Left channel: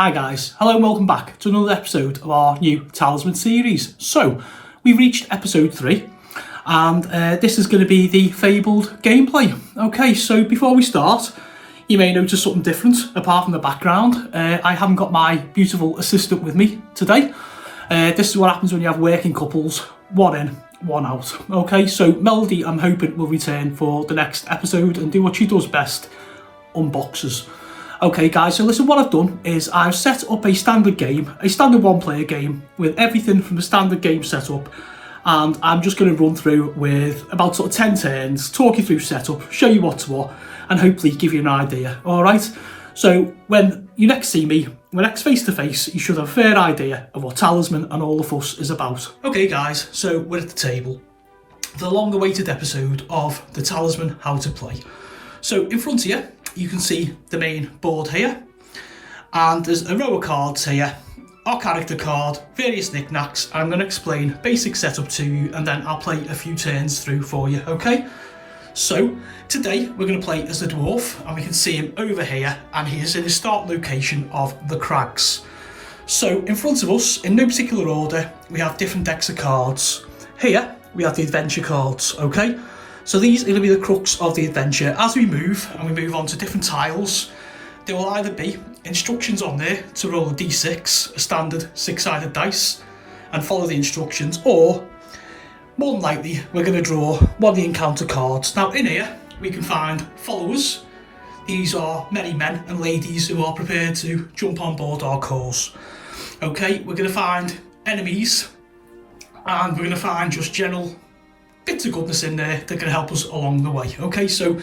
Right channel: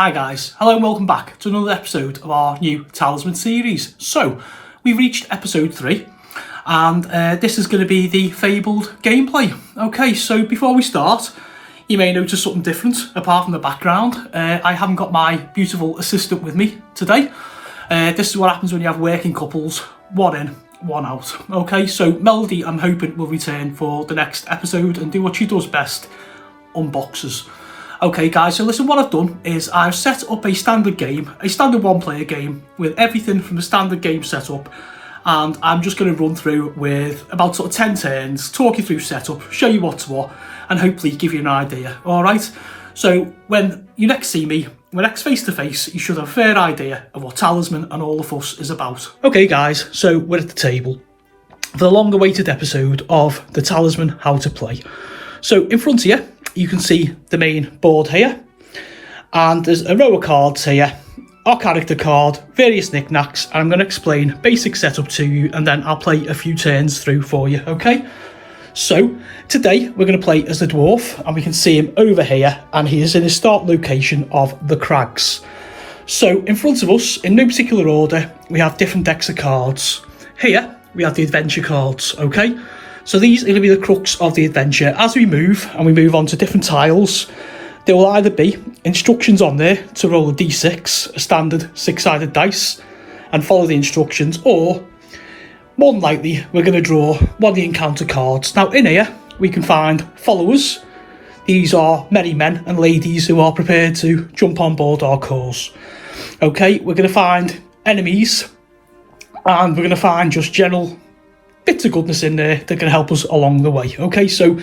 Hi guys, hello and welcome back to another episode of our new Talisman series. So, we've reached episode 3 and this is going to be the Fabled gameplay. Okay, so before we start, you may notice something different apart from the background. I haven't got my beautiful assistant with me today. This is what happens when you have working couples, one in, one out. Okay, so Melody, I'm hoping, will return for the next episode and do what she does best, unboxes. Okay guys, so listen, what I've done is I've set up a standard game, a standard one-player game with everything from the standard game setup, and I'm just going to run through with about sort of 10 turns, talk you through setup, show you what's what, and hopefully give you an idea, alright? So when you next see me, we're next face to face, you should have a fair idea of what Talisman and all the fuss is about. Okay guys, so we're at the table for the long awaited episode of the Talisman How to Play. So in front of you can see the main board here, and there's a row of cards here, our character card, various knickknacks, and I'm going to explain basic setup to you and then I'll play a few turns through for you, okay? So today we're going to play as the dwarf, and we can see him over here, and he is in his start location of the crags. So in front of us, in no particular order, we have different decks of cards. Here we have the adventure cards, okay? So these are going to be the crux of the adventure. As we move on to different tiles, there will either be instructions on there to roll a d6, a standard 6-sided dice, and follow the instructions, or more than likely we're going to draw one of the encounter cards. Now in here we can find followers. These are merry men and ladies who are prepared to jump on board our cause. Okay, we're going to find enemies, and we're going to find just general bits of goodness in there that can help us along the way. Okay, so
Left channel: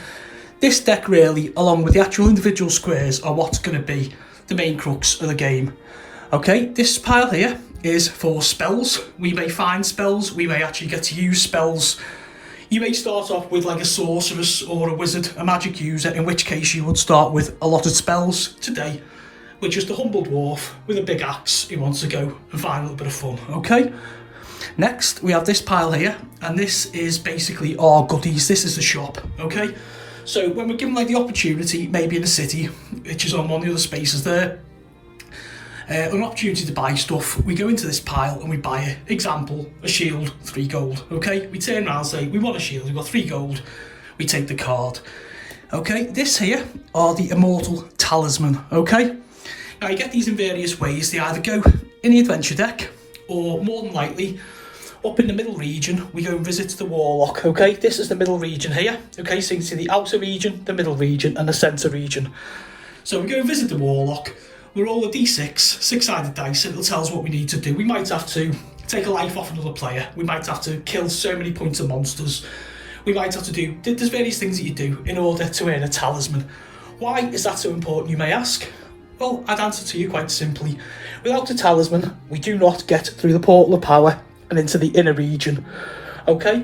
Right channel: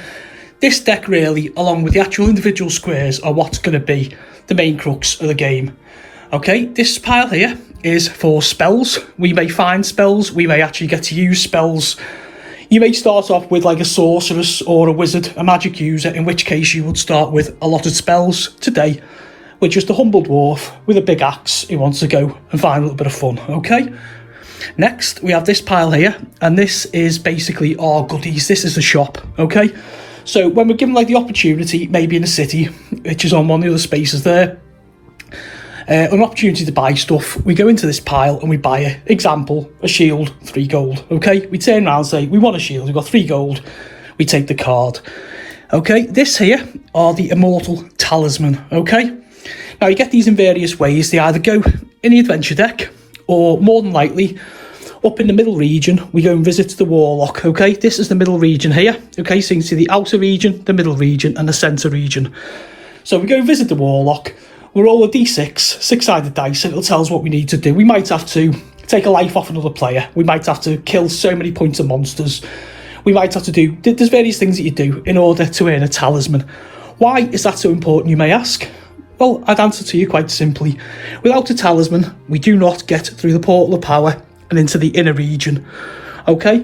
this deck really, along with the actual individual squares, are what's going to be the main crux of the game. Okay, this pile here is for spells. We may find spells, we may actually get to use spells. You may start off with like a sorceress or a wizard, a magic user, in which case you would start with a lot of spells. Today, we're just a humble dwarf with a big axe who wants to go and find a little bit of fun, okay? Next, we have this pile here, and this is basically our goodies. This is a shop, okay? So when we're given like the opportunity, maybe in a city, which is on one of the other spaces there, an opportunity to buy stuff, we go into this pile and we buy it. Example, a shield, 3 gold, okay? We turn around and say, we want a shield, we've got 3 gold, we take the card. Okay, this here are the Immortal Talisman, okay? Now you get these in various ways. They either go in the adventure deck, or more than likely, up in the middle region, we go and visit the Warlock, okay? This is the middle region here, okay? So you can see the outer region, the middle region, and the centre region. So we go and visit the Warlock, we roll a d6, 6-sided dice, and it'll tell us what we need to do. We might have to take a life off another player. We might have to kill so many points of monsters. We might have to do, there's various things that you do in order to earn a talisman. Why is that so important, you may ask? Well, I'd answer to you quite simply. Without a talisman, we do not get through the portal of power and into the inner region. Okay?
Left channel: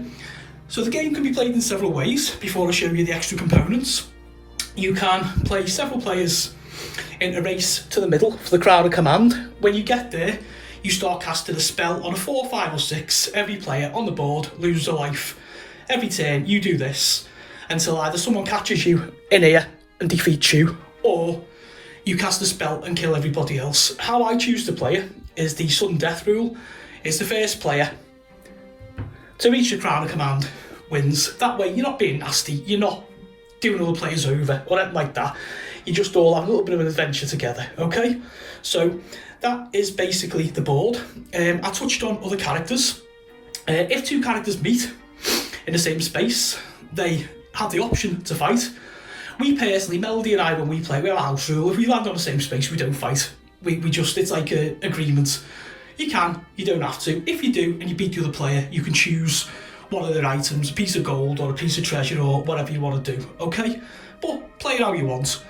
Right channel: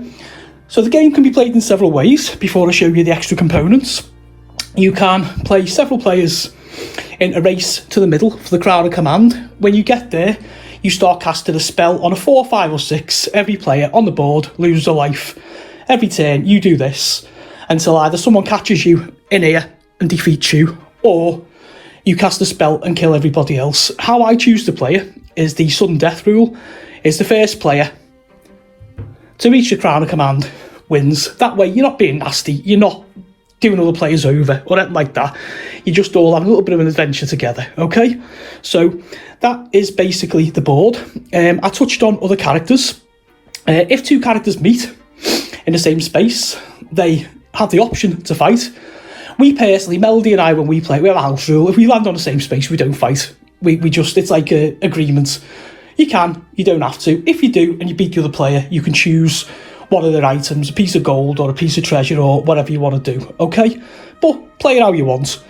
So the game can be played in several ways. Before I show you the extra components, you can play several players in a race to the middle for the Crown of Command. When you get there, you start casting a spell on a 4, 5 or 6. Every player on the board loses a life. Every turn you do this until either someone catches you in here and defeats you, or you cast a spell and kill everybody else. How I choose to play it is the sudden death rule. It's the first player to reach the Crown of Command wins. That way you're not being nasty, you're not doing other players over or anything like that. You just all have a little bit of an adventure together, okay? So that is basically the board. I touched on other characters. If 2 characters meet in the same space, they have the option to fight. We personally, Melody and I, when we play, we have a house rule. If we land on the same space, we don't fight. We just, it's like an agreement. You can, you don't have to. If you do and you beat the other player, you can choose one of their items, a piece of gold or a piece of treasure or whatever you want to do, okay? But play it how you want.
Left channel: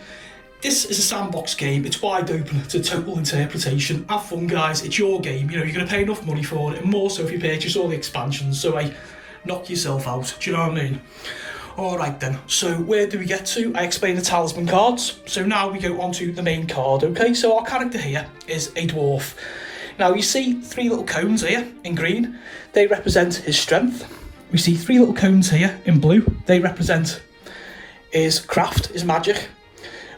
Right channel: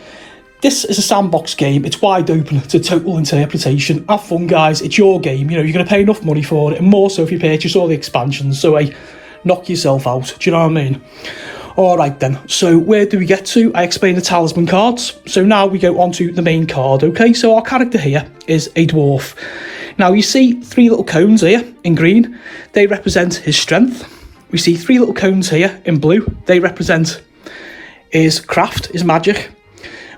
This is a sandbox game. It's wide open to total interpretation. Have fun, guys. It's your game. You know, you're going to pay enough money for it, and more so if you purchase all the expansions. So, knock yourself out. Do you know what I mean? Alright then, so where do we get to? I explained the talisman cards. So now we go on to the main card, okay? So our character here is a dwarf. Now you see 3 little cones here in green. They represent his strength. We see 3 little cones here in blue. They represent his craft, his magic.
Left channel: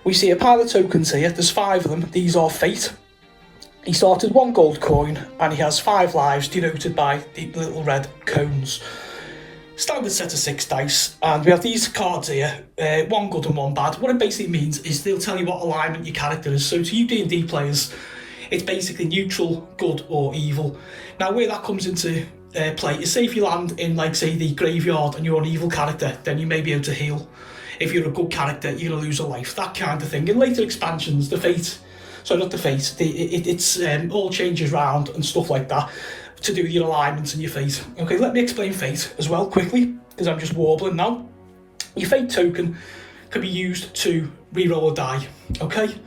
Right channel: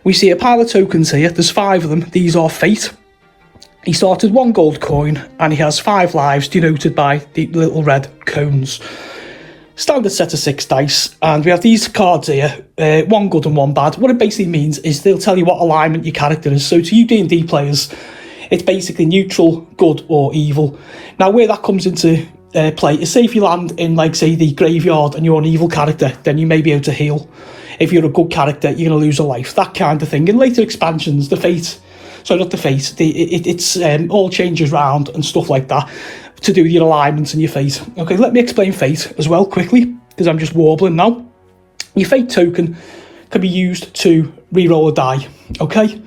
We see a pile of tokens here. There's 5 of them. These are fate. He started 1 gold coin and he has 5 lives denoted by the little red cones. Standard set of 6 dice, and we have these cards here, 1 good and 1 bad. What it basically means is they'll tell you what alignment your character is. So to you D&D players, it's basically neutral, good or evil. Now where that comes into play is, say if you land in, like, say, the graveyard and you're an evil character, then you may be able to heal. If you're a good character, you're going to lose a life, that kind of thing. In later expansions, the fate, so not the fate, it's all changes around and stuff like that to do with your alignments and your fate. Okay, let me explain fate as well quickly, because I'm just warbling now. Your fate token can be used to re-roll a die, okay?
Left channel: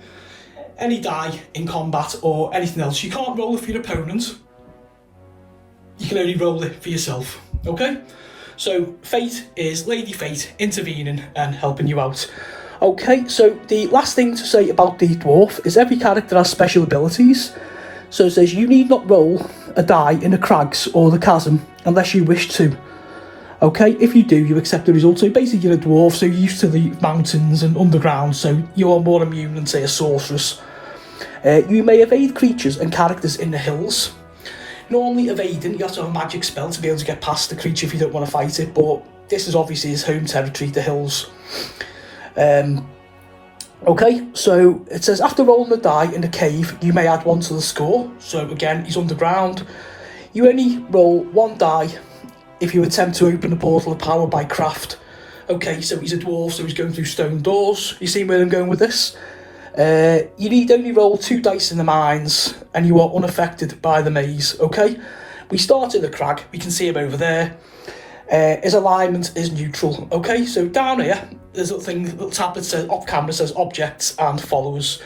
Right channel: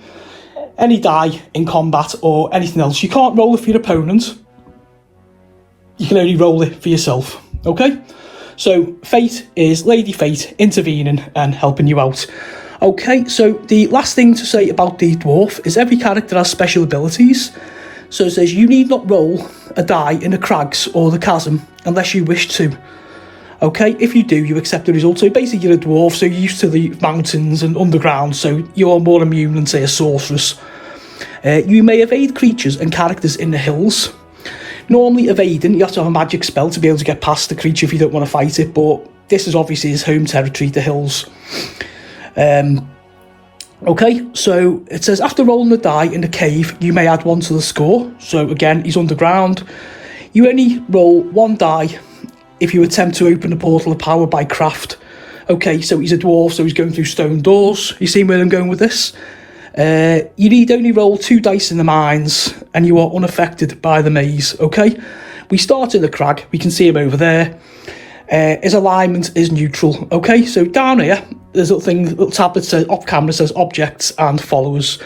Any die in combat or anything else. You can't roll it for your opponent. You can only roll it for yourself, okay? So fate is Lady Fate intervening and helping you out. Okay, so the last thing to say about the dwarf is every character has special abilities. So it says you need not roll a die in the crags or the chasm unless you wish to. Okay, if you do, you accept the result. So basically you're a dwarf, so you're used to the mountains and underground, so you're more immune than, say, a sorceress. You may evade creatures and characters in the hills. Normally evading, you have to have a magic spell to be able to get past the creature if you don't want to fight it, but this is obviously his home territory, the hills. Okay, so it says after rolling a die in the cave, you may add 1 to the score. So again, he's underground. You only roll 1 die if you attempt to open a portal of power by craft. Okay, so he's a dwarf, so he's going through stone doors. You see where I'm going with this? You need only roll 2 dice in the mines and you are unaffected by the maze, okay? We start in the crag, we can see him over there. His alignment is neutral, okay? So down here, there's a little tab that says, off camera says objects and followers.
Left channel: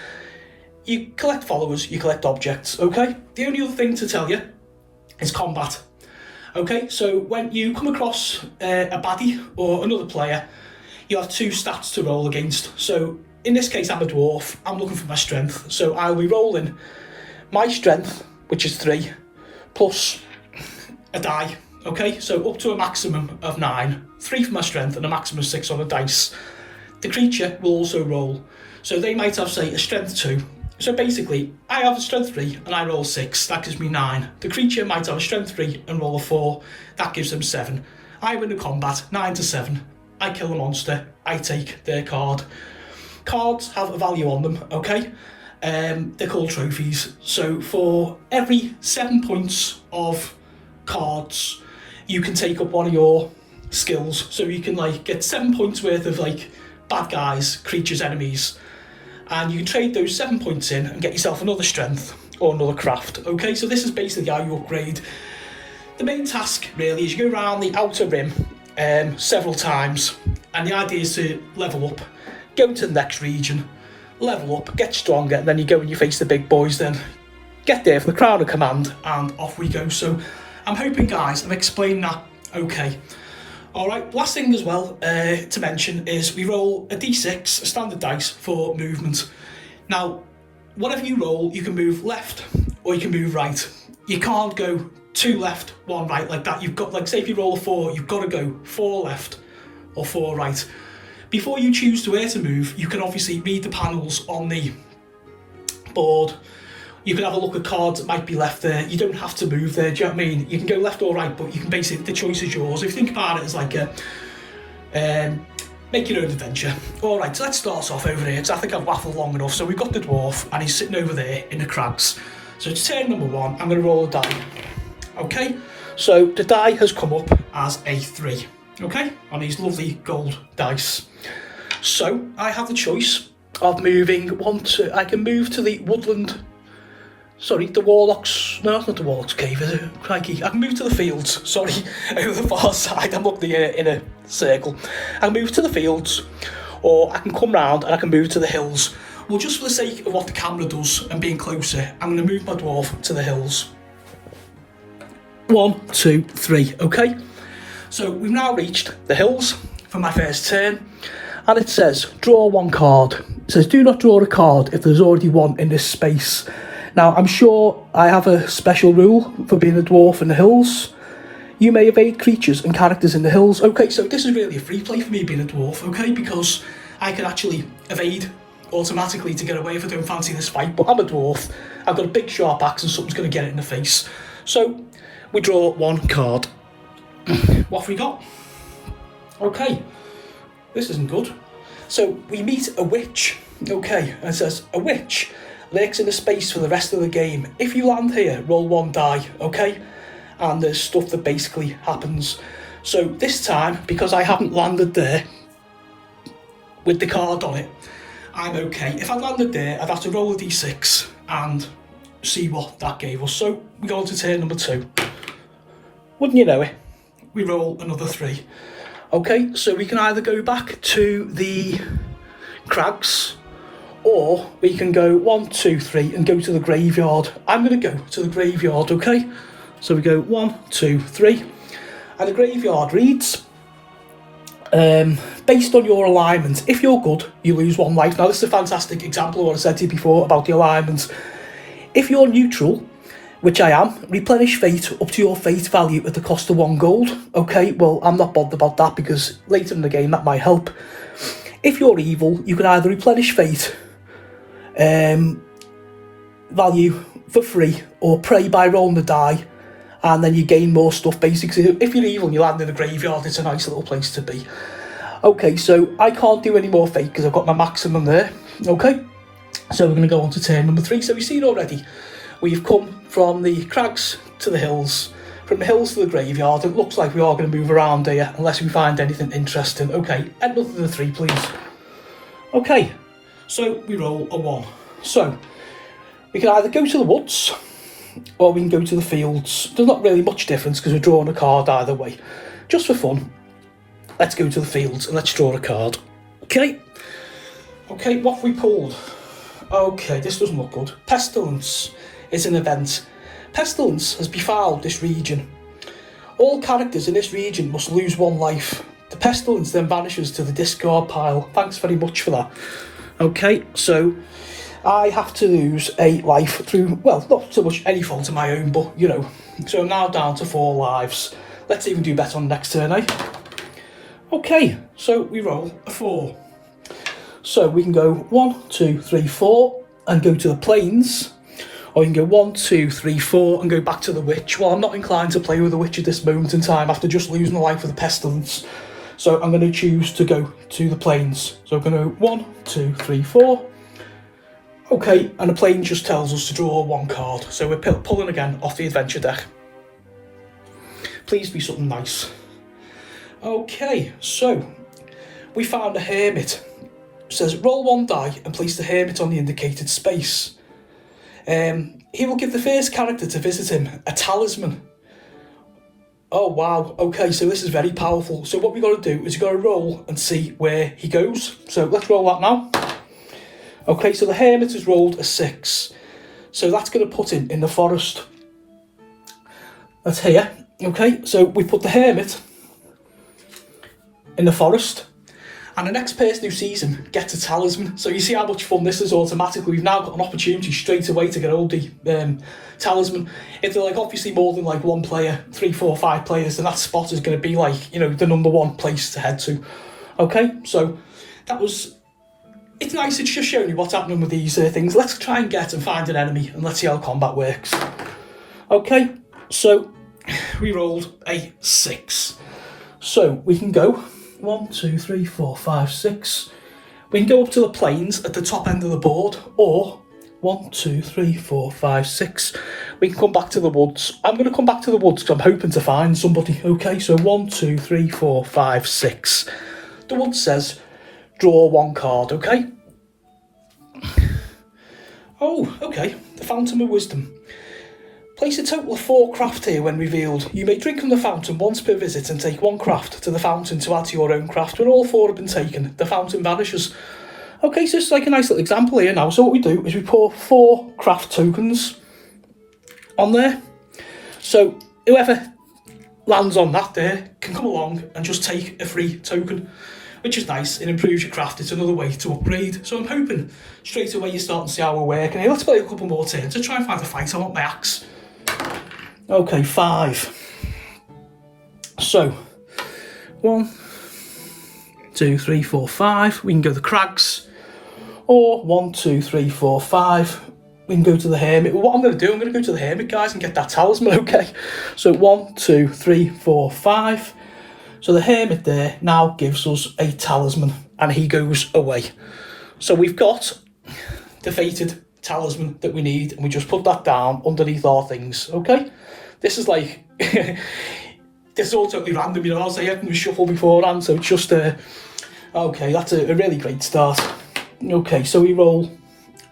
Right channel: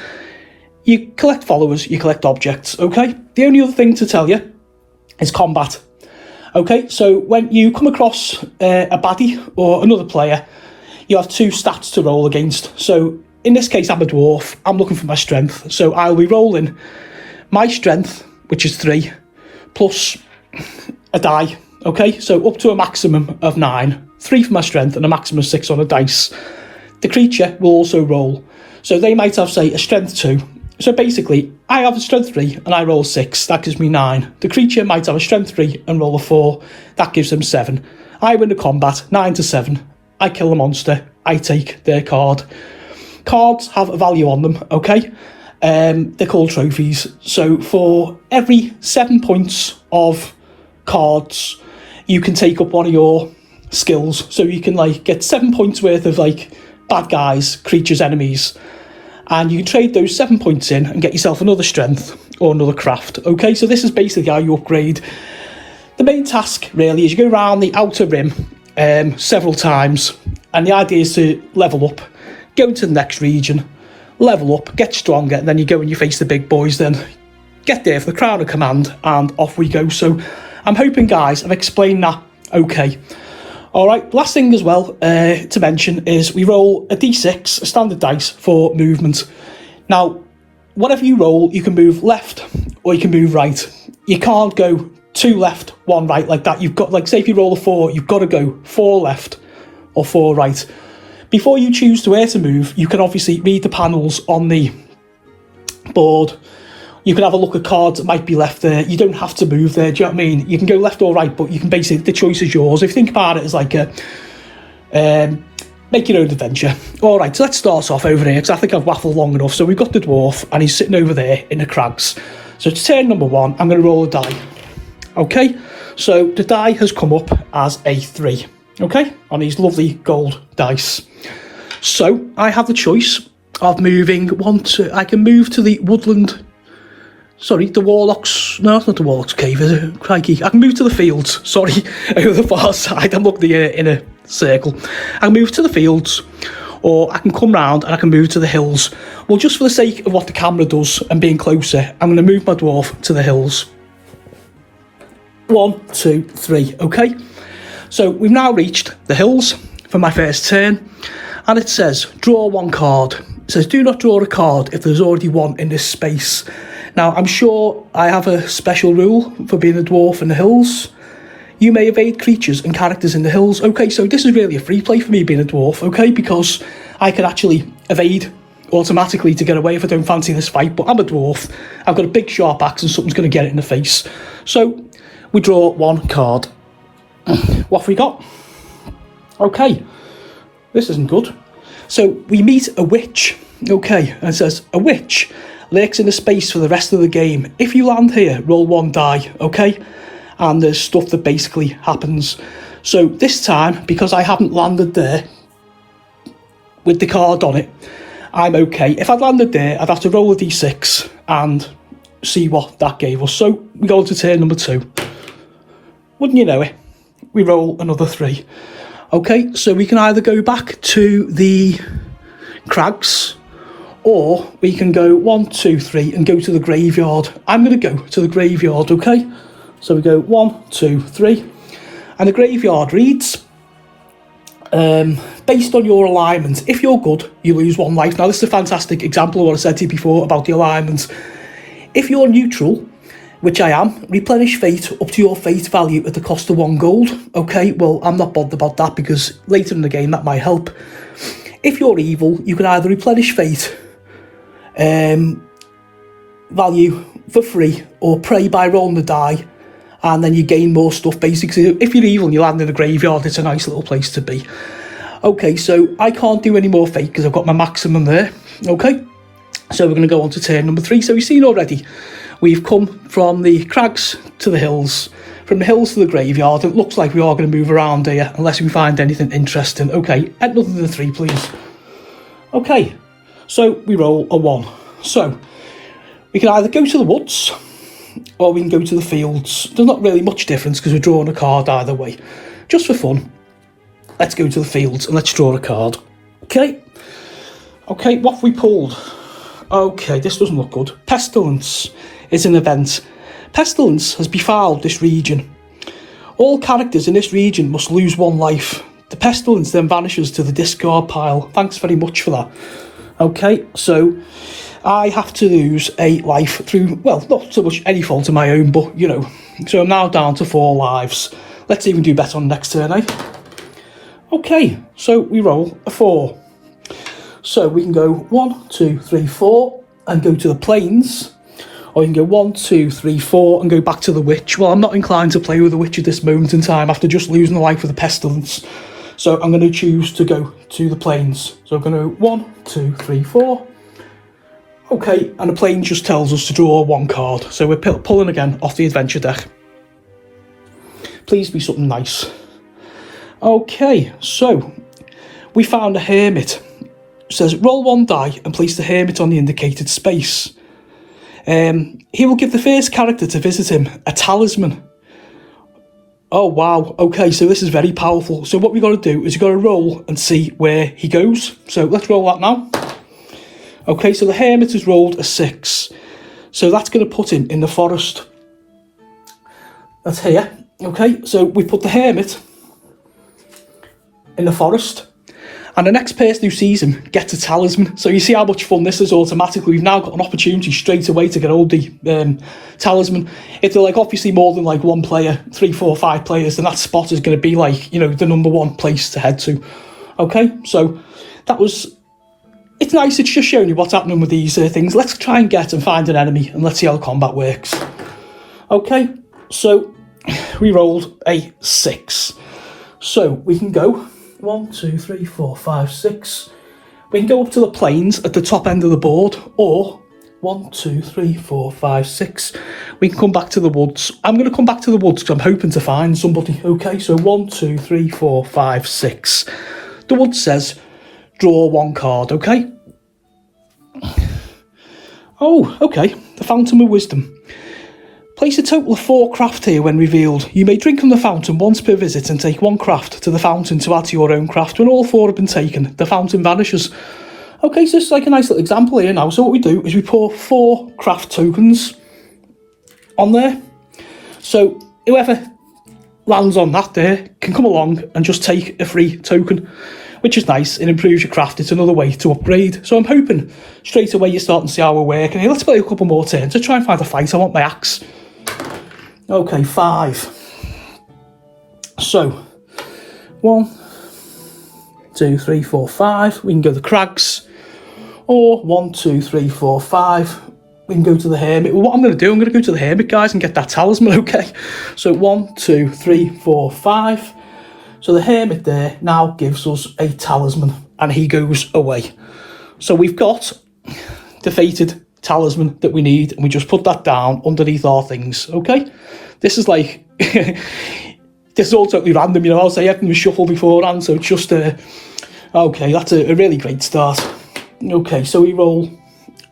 You collect followers, you collect objects, okay? The only other thing to tell you is combat. Okay, so when you come across a baddie or another player, you have 2 stats to roll against. So in this case, I'm a dwarf, I'm looking for my strength. So I'll be rolling my strength, which is 3, plus a die. Okay, so up to a maximum of 9, 3 for my strength and a maximum of 6 on a dice. The creature will also roll. So they might have, say, a strength 2. So basically, I have a strength 3 and I roll 6, that gives me 9. The creature might have a strength 3 and roll a 4, that gives them 7. I win the combat, 9 to 7. I kill the monster, I take their card. Cards have a value on them, okay? They're called trophies. So for every 7 points of cards, you can take up one of your skills. So you can, like, get 7 points worth of, like, bad guys, creatures, enemies, and you can trade those 7 points in and get yourself another strength or another craft. Okay, so this is basically how you upgrade. The main task really is you go around the outer rim several times, and the idea is to level up, go to the next region, level up, get stronger, and then you go and you face the big boys, then get there for the crown of command, and off we go. So I'm hoping, guys, I've explained that okay. Alright, last thing as well to mention is we roll a d6, a standard dice, for movement. Now, whatever you roll, you can move left or you can move right. You can't go 2 left, 1 right like that. You've got, like, say if you roll a 4, you've got to go 4 left or 4 right. Before you choose to where to move, you can obviously read the panels on the board. You can have a look at cards that might be left there. You don't have to move there, do you know what I mean? You can go left or right, but you can basically, the choice is yours. If you think about it as like a, make your own adventure. All right, so let's start off over here, because I think I've waffled long enough. So we've got the dwarf, and he's sitting over there in the crags. So to turn number 1, I'm going to roll a die. Okay, so the die has come up as a 3, okay, on these lovely gold dice. So I have the choice of moving I can move to the woodland. Sorry, the Warlock's... No, it's not the Warlock's cave, is it? Crikey. I can move to the fields, sorry, over the far side. I'm looking here in a circle. I can move to the fields, or I can come round and I can move to the hills. Well, just for the sake of what the camera does and being closer, I'm going to move my dwarf to the hills. 1, 2, 3, okay? So we've now reached the hills for my first turn, and it says, draw 1 card. It says, do not draw a card if there's already 1 in this space. Now, I'm sure I have a special rule for being a dwarf in the hills. You may evade creatures and characters in the hills. Okay, so this is really a free play for me being a dwarf, okay, because I can actually evade automatically to get away if I don't fancy this fight, but I'm a dwarf. I've got a big sharp axe and something's going to get it in the face. So we draw 1 card. What have we got? Okay, this isn't good. So we meet a witch. Okay, and it says, a witch lurks in a space for the rest of the game. If you land here, roll 1 die, okay? And there's stuff that basically happens. So this time, because I haven't landed there with the card on it, I'm okay. If I'd landed there, I'd have to roll a d6 and see what that gave us. So we go to turn number 2. Wouldn't you know it? We roll another 3. Okay, so we can either go back to the crags, or we can go 1, 2, 3 and go to the graveyard. I'm going to go to the graveyard, okay? So we go 1, 2, 3. And the graveyard reads, based on your alignment, if you're good, you lose 1 life. Now, this is a fantastic example of what I said to you before about the alignments. If you're neutral, which I am, replenish fate up to your fate value at the cost of 1 gold. Okay, well, I'm not bothered about that because later in the game that might help. If you're evil, you can either replenish fate value for free or pray by rolling the die, and then you gain more stuff basically. If you're evil and you land in the graveyard, it's a nice little place to be. Okay, so I can't do any more fate because I've got my maximum there. Okay, so we're going to go on to turn number 3. So we've seen already, we've come from the crags to the hills, from the hills to the graveyard. It looks like we are going to move around here unless we find anything interesting. Okay, add another than 3 please. Okay, so we roll a 1. So we can either go to the woods or we can go to the fields. There's not really much difference because we're drawing a card either way. Just for fun, let's go to the fields and let's draw a card. Okay, what have we pulled? Okay, this doesn't look good. Pestilence is an event. Pestilence has befouled this region. All characters in this region must lose 1 life. The pestilence then vanishes to the discard pile. Thanks very much for that. Okay, so I have to lose 8 life through, well, not so much any fault of my own, but, you know. So I'm now down to 4 lives. Let's even do better on the next turn, eh? Okay, so we roll a 4. So we can go 1, 2, 3, 4 and go to the plains. Or you can go 1, 2, 3, 4 and go back to the witch. Well, I'm not inclined to play with the witch at this moment in time after just losing the life of the pestilence. So I'm going to choose to go to the plains. So I'm going to go 1, 2, 3, 4. Okay, and the plains just tells us to draw 1 card. So we're pulling again off the adventure deck. Please be something nice. Okay, so we found a hermit. It says roll 1 die and place the hermit on the indicated space. He will give the first character to visit him a talisman. Oh wow, okay, so this is very powerful. So what we got to do is we've got to roll and see where he goes. So let's roll that now. Okay, so the hermit has rolled a 6. So that's going to put him in the forest. That's here. Okay, so we put the hermit in the forest. And the next person who sees him gets a talisman. So you see how much fun this is automatically. We've now got an opportunity straight away to get hold of the talisman. If they're like obviously more than like 1 player, 3, 4, 5 players, then that spot is going to be like, you know, the number 1 place to head to. Okay, so that was, it's nice, it's just showing you what's happening with these things. Let's try and get and find an enemy and let's see how the combat works. Okay, so we rolled a 6. So we can go 1, 2, 3, 4, 5, 6. We can go up to the plains at the top end of the board, or 1, 2, 3, 4, 5, 6. We can come back to the woods. I'm going to come back to the woods because I'm hoping to find somebody. Okay, so 1, 2, 3, 4, 5, 6. The woods says draw 1 card, okay? Oh, okay. The Fountain of Wisdom. Place a total of 4 craft here when revealed. You may drink from the fountain once per visit and take 1 craft to the fountain to add to your own craft. When all 4 have been taken, the fountain vanishes. Okay, so this is like a nice little example here now. So what we do is we pour 4 craft tokens on there. So whoever lands on that there can come along and just take a free token, which is nice. It improves your craft. It's another way to upgrade. So I'm hoping straight away you're starting to see how we're working. Let's play a couple more turns to try and find a fight. I want my axe. Okay, 5. So 1, 2, 3, 4, 5. We can go the crags, Or 1, 2, 3, 4, 5. We can go to the Hermit. Well, what I'm going to do, I'm going to go to the Hermit, guys, and get that talisman, okay? So 1, 2, 3, 4, 5. So the Hermit there now gives us a talisman, and he goes away. So we've got the fated talisman that we need, and we just put that down underneath our things, okay? This is like, this is all totally random, you know, I'll say everything was shuffled beforehand, so it's just okay, that's a really great start. Okay, so we roll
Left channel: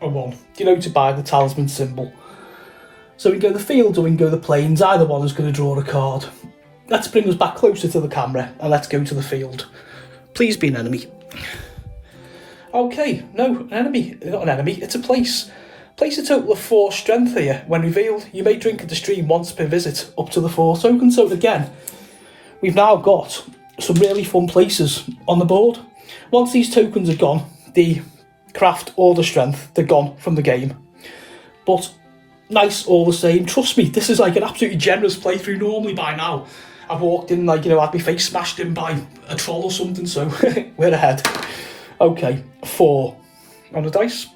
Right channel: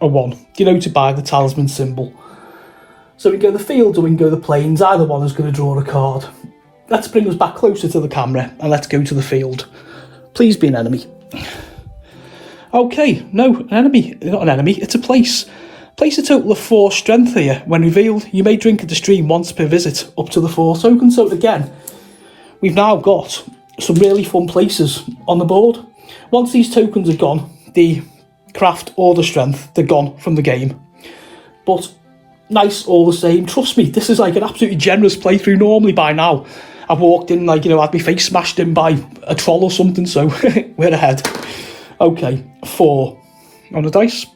a 1, denoted by the talisman symbol. So we can go the fields or we can go the plains, either one is going to draw a card. Let's bring us back closer to the camera, and let's go to the field. Please be an enemy. Okay, no, an enemy, not an enemy, it's a place. Place a total of 4 strength here. When revealed, you may drink at the stream once per visit, up to the 4 tokens. So again, we've now got some really fun places on the board. Once these tokens are gone, the craft or the strength, they're gone from the game. But nice all the same. Trust me, this is like an absolutely generous playthrough. Normally by now, I've walked in like, you know, had my face smashed in by a troll or something, so we're ahead. Okay, 4 on the dice.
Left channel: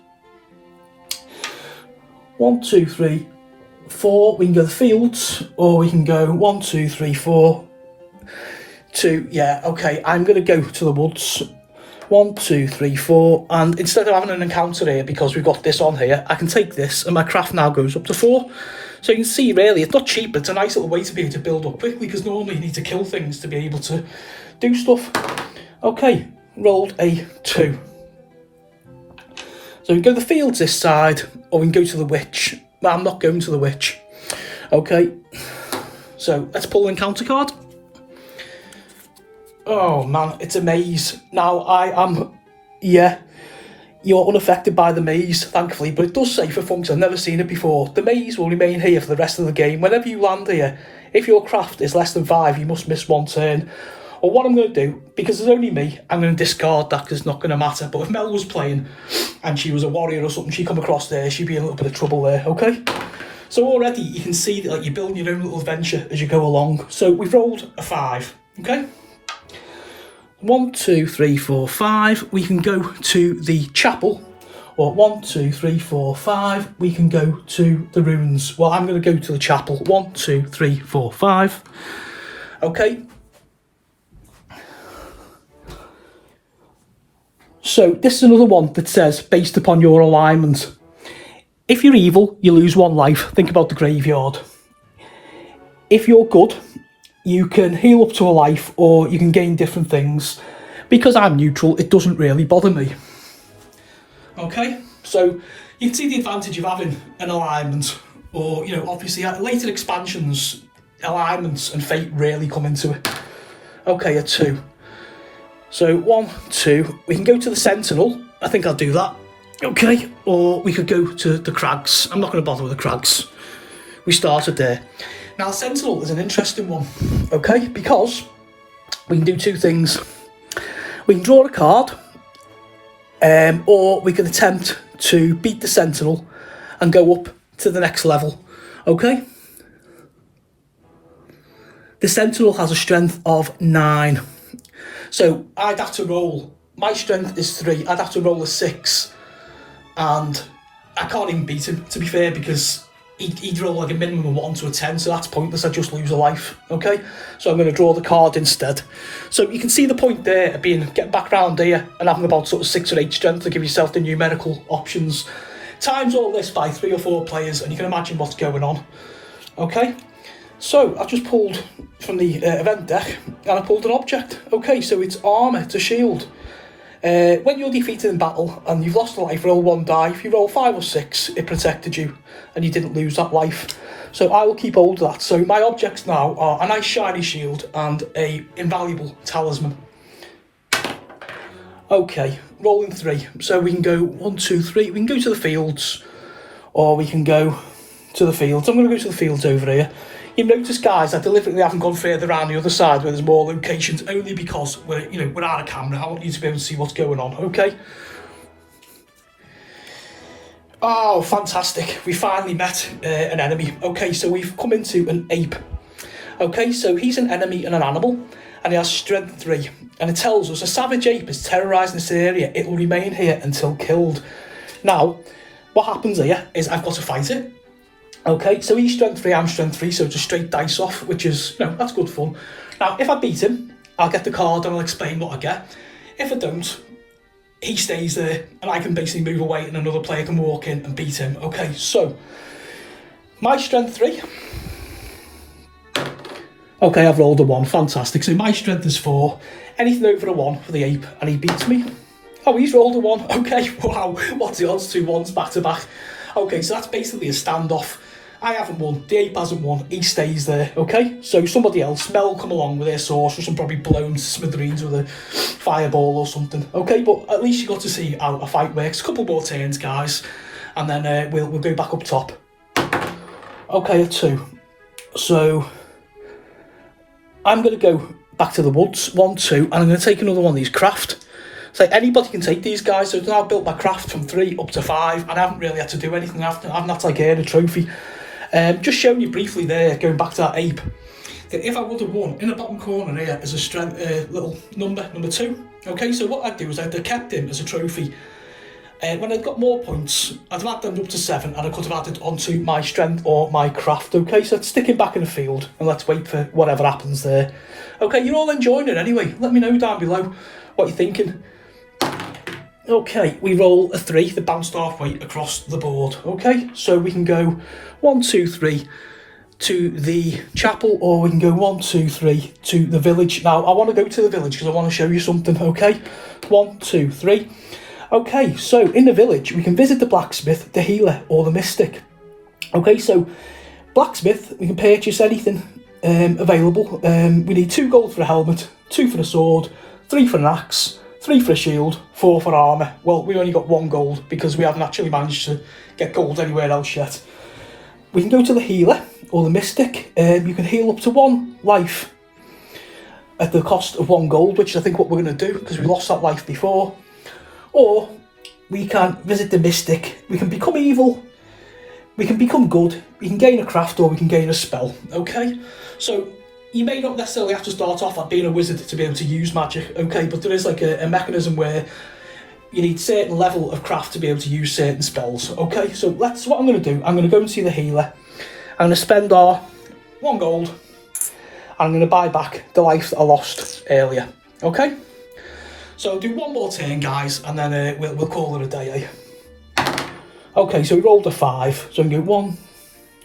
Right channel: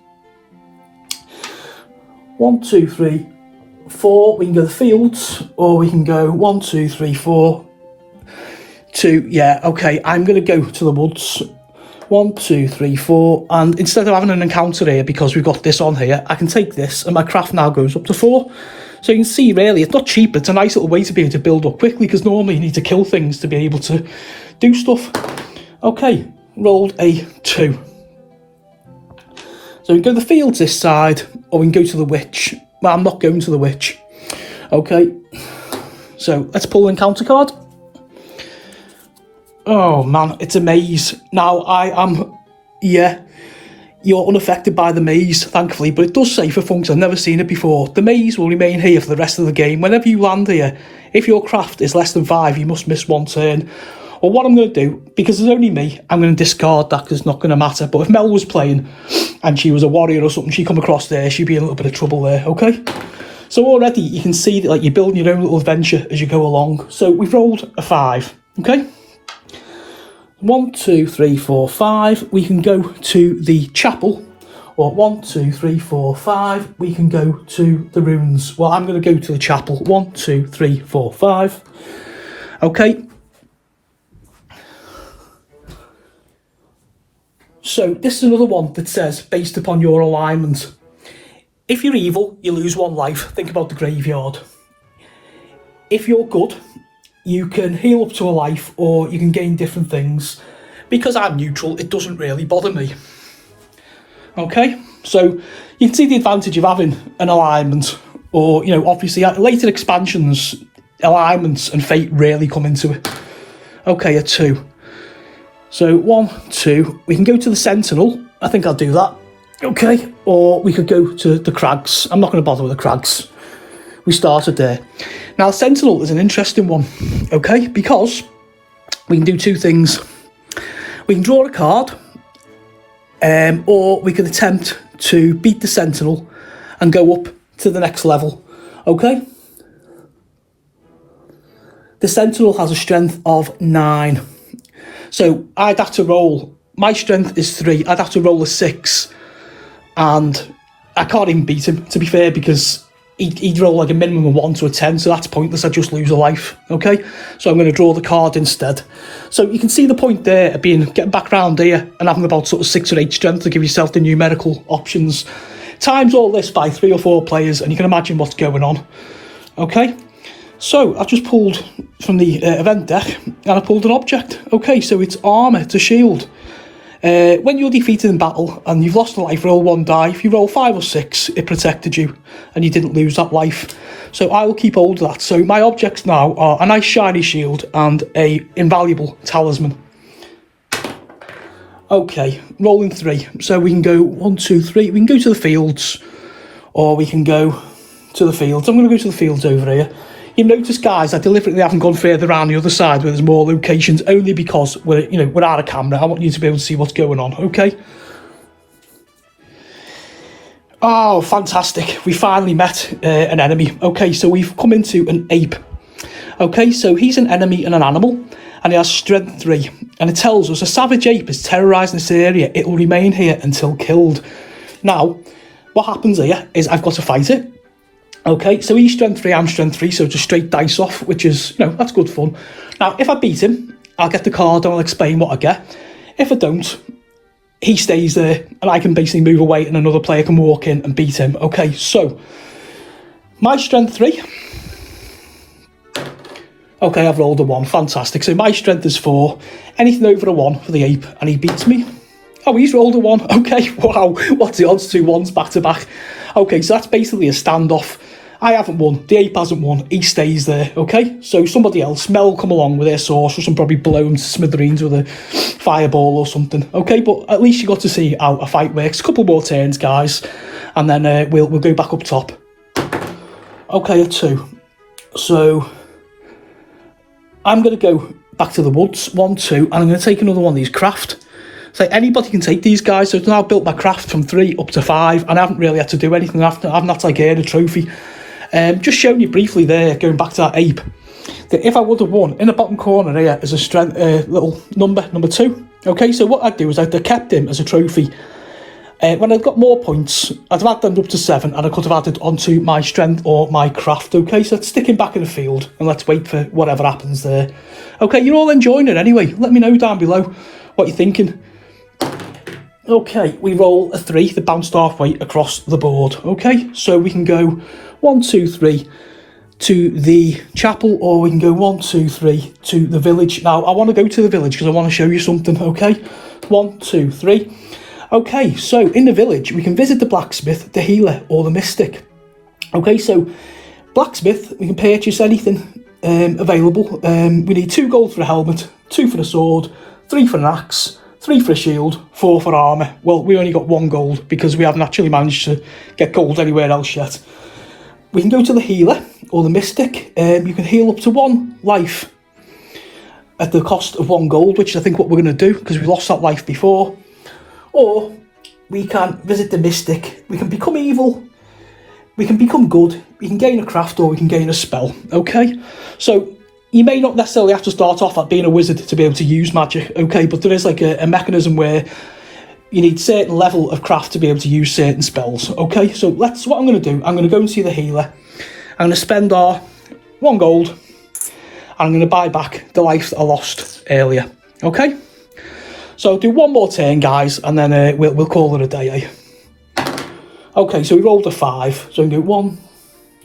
1, 2, 3, 4. We can go the fields, or we can go 1, 2, 3, 4. 2. Yeah, okay. I'm going to go to the woods. 1, 2, 3, 4. And instead of having an encounter here, because we've got this on here, I can take this, and my craft now goes up to 4. So you can see, really, it's not cheap. It's a nice little way to be able to build up quickly, because normally you need to kill things to be able to do stuff. Okay, rolled a 2. So we can go the fields this side, or we can go to the witch. Well, I'm not going to the witch. Okay, so let's pull an encounter card. Oh man, it's a maze. Now I am, yeah, you're unaffected by the maze, thankfully, but it does say for fun, 'cause I've never seen it before. The maze will remain here for the rest of the game. Whenever you land here, if your craft is less than 5, you must miss 1 turn. Or what I'm going to do, because there's only me, I'm going to discard that because it's not going to matter. But if Mel was playing and she was a warrior or something, she'd come across there, she'd be in a little bit of trouble there, okay? So already you can see that like you're building your own little adventure as you go along. So we've rolled a 5, okay? 1, 2, 3, 4, 5. We can go to the chapel. Or 1, 2, 3, 4, 5. We can go to the ruins. Well, I'm going to go to the chapel. 1, 2, 3, 4, 5. Okay. So this is another one that says, based upon your alignment. If you're evil, you lose 1 life. Think about the graveyard. If you're good, you can heal up to a life, or you can gain different things. Because I'm neutral, it doesn't really bother me. Okay, so you can see the advantage of having an alignment, or, you know, obviously later expansions, alignments and fate really come into it. Okay, a 2. So 1, 2, we can go to the Sentinel. I think I'll do that. Okay, or we could go to the Crags. I'm not going to bother with the Crags. We started there. Now, Sentinel is an interesting one, okay, because we can do 2 things. We can draw a card, or we can attempt to beat the Sentinel and go up to the next level, okay? The Sentinel has a strength of 9. So I'd have to roll, my strength is 3, I'd have to roll a 6, and I can't even beat him, to be fair, because he'd roll like a minimum of 1 to a 10, so that's pointless, I just lose a life, okay? So I'm going to draw the card instead. So you can see the point there of getting back round here and having about sort of 6 or 8 strength to give yourself the numerical options. Times all this by 3 or 4 players, and you can imagine what's going on, okay? So I've just pulled from the event deck, and I pulled an object. Okay, so it's armour, it's a shield. When you're defeated in battle and you've lost a life, roll 1 die. If you roll 5 or 6, it protected you and you didn't lose that life. So I will keep hold of that. So my objects now are a nice shiny shield and a invaluable talisman. Okay, rolling 3. So we can go 1, 2, 3. We can go to the fields, or we can go to the fields. I'm going to go to the fields over here. You've noticed, guys, I deliberately haven't gone further around the other side where there's more locations, only because we're out of camera. I want you to be able to see what's going on, okay? Oh, fantastic. We finally met an enemy. Okay, so we've come into an ape. Okay, so he's an enemy and an animal, and he has strength 3. and it tells us a savage ape is terrorising this area. It will remain here until killed. Now, what happens here is I've got to fight it. Okay, so he's strength 3, I'm strength 3, so just straight dice off, which is, that's good fun. Now, if I beat him, I'll get the card and I'll explain what I get. If I don't, he stays there and I can basically move away and another player can walk in and beat him. Okay, so my strength 3. Okay, I've rolled a 1, fantastic. So my strength is 4, anything over a 1 for the ape, and he beats me. Oh, he's rolled a 1, okay, wow, what's the odds? 2 1s back to back. Okay, so that's basically a standoff. I haven't won, the ape hasn't won, he stays there, okay? So somebody else, Mel, will come along with their sorceress and probably blow him to smithereens with a fireball or something, okay? But at least you got to see how a fight works. A couple more turns, guys, and then we'll go back up top. Okay, a 2. So I'm going to go back to the woods, 1, 2, and I'm going to take another one of these craft. So anybody can take these guys. So I've now built my craft from 3 up to 5, and I haven't really had to do anything. I haven't had to like earn a trophy. Just showing you briefly there, going back to that ape, that if I would have won, in the bottom corner here is a strength little number 2. Okay, so what I'd do is I'd have kept him as a trophy. When I've got more points, I'd have had them up to 7, and I could have added onto my strength or my craft. Okay, so it's sticking back in the field, and let's wait for whatever happens there. Okay, you're all enjoying it anyway. Let me know down below what you're thinking. Okay, we roll a 3 that bounced halfway across the board. Okay, so we can go 1, 2, 3 to the chapel, or we can go 1, 2, 3 to the village. Now, I want to go to the village because I want to show you something, okay? 1, 2, 3. Okay, so in the village, we can visit the blacksmith, the healer, or the mystic. Okay, so blacksmith, we can purchase anything available. We need 2 gold for a helmet, 2 for a sword, 3 for an axe, 3 for a shield, 4 for armour. Well, we only got 1 gold because we haven't actually managed to get gold anywhere else yet. We can go to the healer or the mystic. You can heal up to 1 life at the cost of 1 gold, which is I think what we're going to do because we lost that life before. Or we can visit the mystic. We can become evil. We can become good. We can gain a craft or we can gain a spell. Okay, so you may not necessarily have to start off at being a wizard to be able to use magic, okay, but there is like a mechanism where you need certain level of craft to be able to use certain spells, okay? So that's what I'm going to do. I'm going to go and see the healer. I'm going to spend our 1 gold, and I'm going to buy back the life that I lost earlier, okay? So I'll do 1 more turn, guys, and then we'll call it a day, eh? Okay, so we rolled a 5. So we can go 1,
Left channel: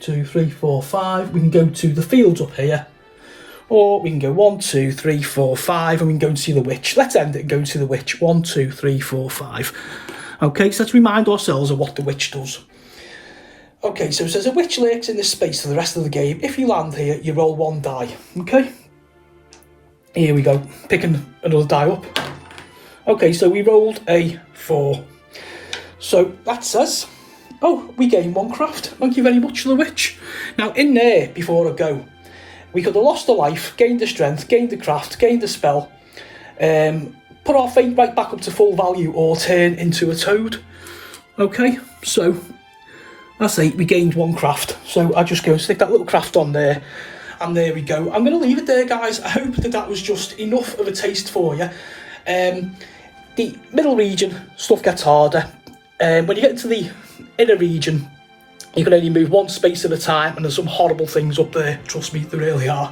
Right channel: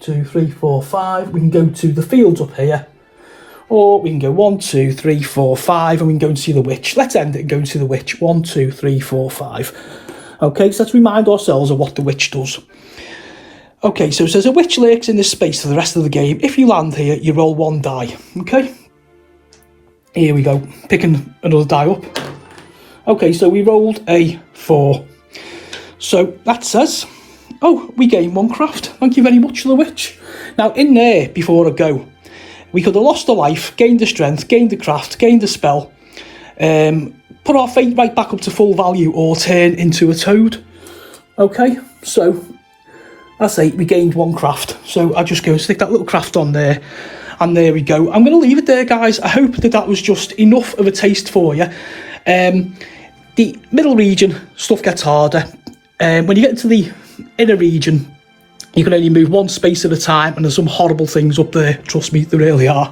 2, 3, 4, 5. We can go to the fields up here. Or we can go 1, 2, 3, 4, 5, and we can go and see the witch. Let's end it and go and see the witch. 1, 2, 3, 4, 5. Okay, so let's remind ourselves of what the witch does. Okay, so it says a witch lurks in this space for the rest of the game. If you land here, you roll 1 die. Okay, here we go. Picking another die up. Okay, so we rolled a 4. So that says, oh, we gained 1 craft. Thank you very much for the witch. Now in there, before I go, we could have lost a life, gained the strength, gained the craft, gained the spell, put our fate right back up to full value, or turn into a toad. Okay, so that's 8. We gained 1 craft. So I just go and stick that little craft on there, and there we go. I'm going to leave it there, guys. I hope that was just enough of a taste for you. The middle region, stuff gets harder. When you get into the inner region, you can only move 1 space at a time, and there's some horrible things up there. Trust me, there really are.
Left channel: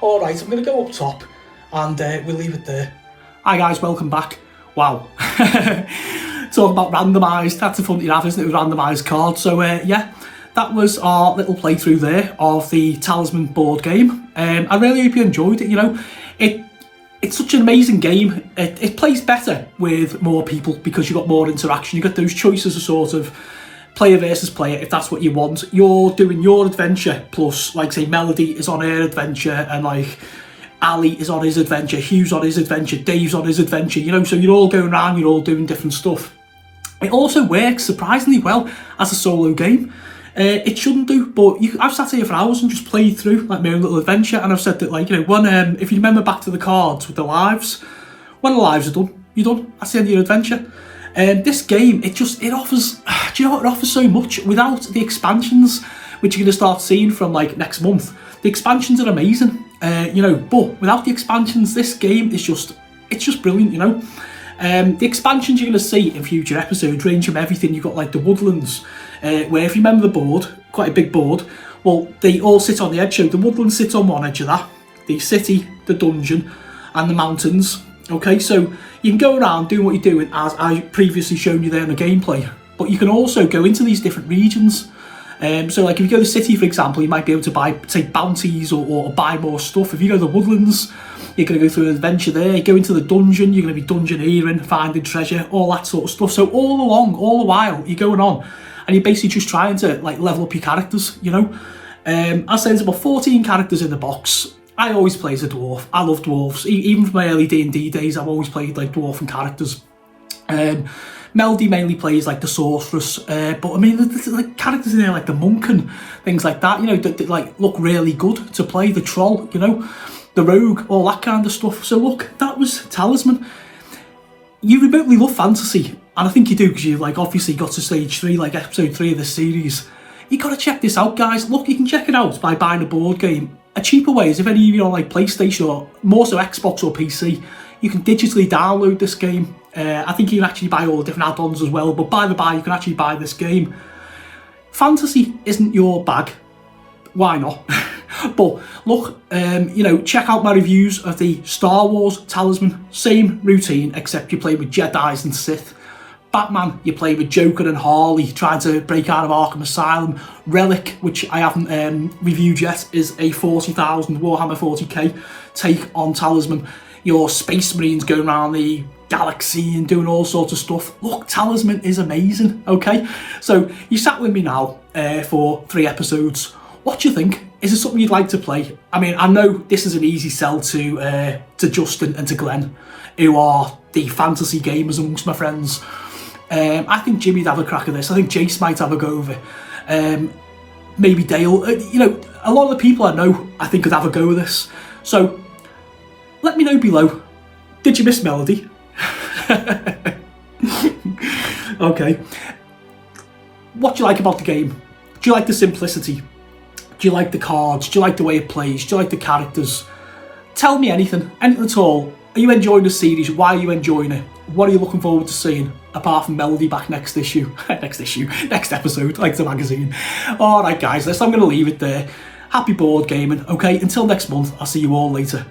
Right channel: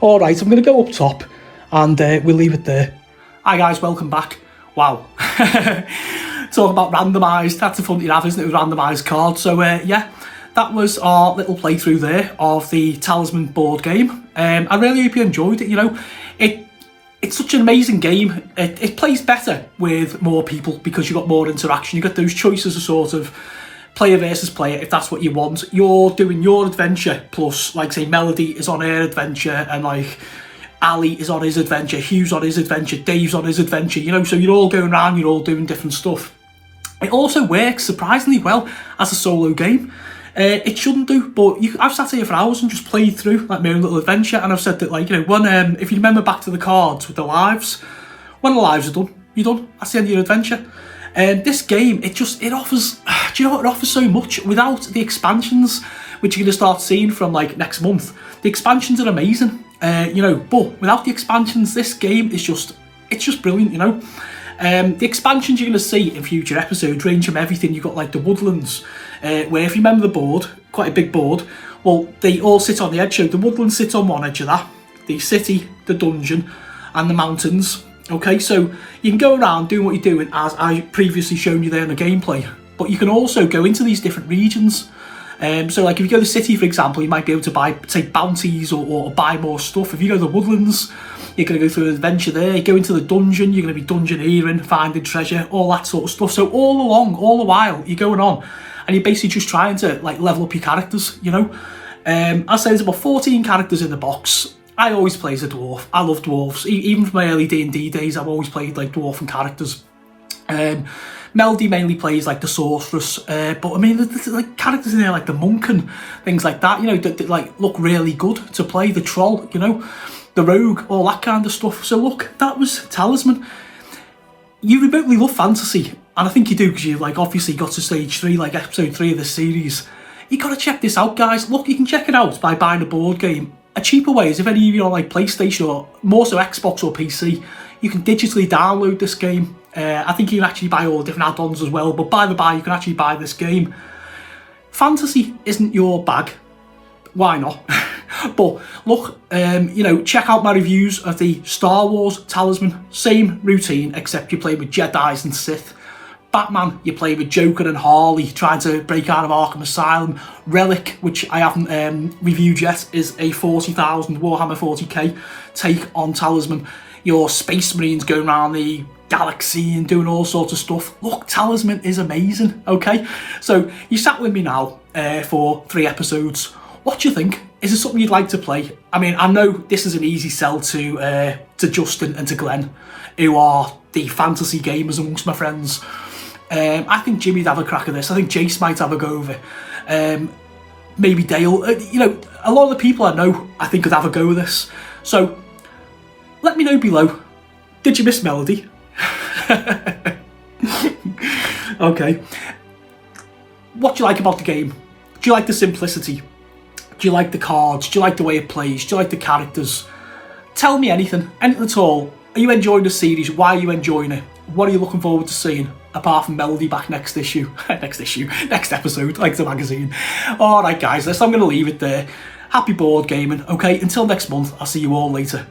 All right, I'm going to go up top, and we'll leave it there. Hi guys, welcome back. Wow. Talk about randomised. That's the fun you have, isn't it, with randomised cards. So yeah, that was our little playthrough there of the Talisman board game. I really hope you enjoyed it. You know, it's such an amazing game. It plays better with more people because you've got more interaction. You get those choices of sort of player versus player, if that's what you want. You're doing your adventure, plus, like, say, Melody is on her adventure, and, like, Ali is on his adventure, Hugh's on his adventure, Dave's on his adventure, you know, so you're all going around, you're all doing different stuff. It also works surprisingly well as a solo game. It shouldn't do, but I've sat here for hours and just played through, like, my own little adventure, and I've said that, like, you know, when, if you remember back to the cards with the lives, when the lives are done, you're done. That's the end of your adventure. This game, it offers, do you know what, it offers so much without the expansions, which you're going to start seeing from, like, next month. The expansions are amazing, you know, but without the expansions, this game is just, it's just brilliant, you know. The expansions you're going to see in future episodes range from everything. You've got like the woodlands, where if you remember the board, quite a big board, well, they all sit on the edge. So the woodlands sit on one edge of that, the city, the dungeon, and the mountains. Okay, so you can go around doing what you're doing, as I previously shown you there in the gameplay, but you can also go into these different regions. So like if you go to the city, for example, you might be able to buy, say, bounties or buy more stuff. If you go to the woodlands, you're going to go through an adventure there. You go into the dungeon, you're going to be dungeoneering, finding treasure, all that sort of stuff. So all the while, you're going on, and you're basically just trying to like level up your characters, you know. I say there's about 14 characters in the box. I always play as a dwarf. I love dwarves. Even from my early D&D days, I've always played like dwarven characters. Melody mainly plays like the sorceress, but I mean, there's like characters in there like the monk and things like that, you know, that like look really good to play. The troll, you know, the rogue, all that kind of stuff. So look, that was Talisman. You remotely love fantasy, and I think you do because you like obviously got to stage 3, like episode 3 of this series. You gotta check this out, guys. Look, you can check it out by buying a board game. A cheaper way is if any of you are on like PlayStation or more so Xbox or PC, you can digitally download this game. I think you can actually buy all the different add-ons as well, but by the by, you can actually buy this game. Fantasy isn't your bag. Why not? But look, you know, check out my reviews of the Star Wars Talisman. Same routine, except you play with Jedis and Sith. Batman, you play with Joker and Harley trying to break out of Arkham Asylum. Relic, which I haven't reviewed yet, is a 40,000 Warhammer 40k take on Talisman. Your Space Marines going around the galaxy and doing all sorts of stuff. Look, Talisman is amazing, okay? So you sat with me now for 3 episodes. What do you think? Is it something you'd like to play? I mean, I know this is an easy sell to Justin and to Glenn, who are the fantasy gamers amongst my friends. I think Jimmy'd have a crack at this. I think Jace might have a go of it. Maybe Dale. You know, a lot of the people I know, I think, could have a go with this. So let me know below. Did you miss Melody? Okay. What do you like about the game? Do you like the simplicity? Do you like the cards? Do you like the way it plays? Do you like the characters? Tell me anything at all. Are you enjoying the series? Why are you enjoying it? What are you looking forward to seeing? Apart from Melody back next next episode, like the magazine. Alright guys, I'm going to leave it there. Happy board gaming. Okay, until next month, I'll see you all later.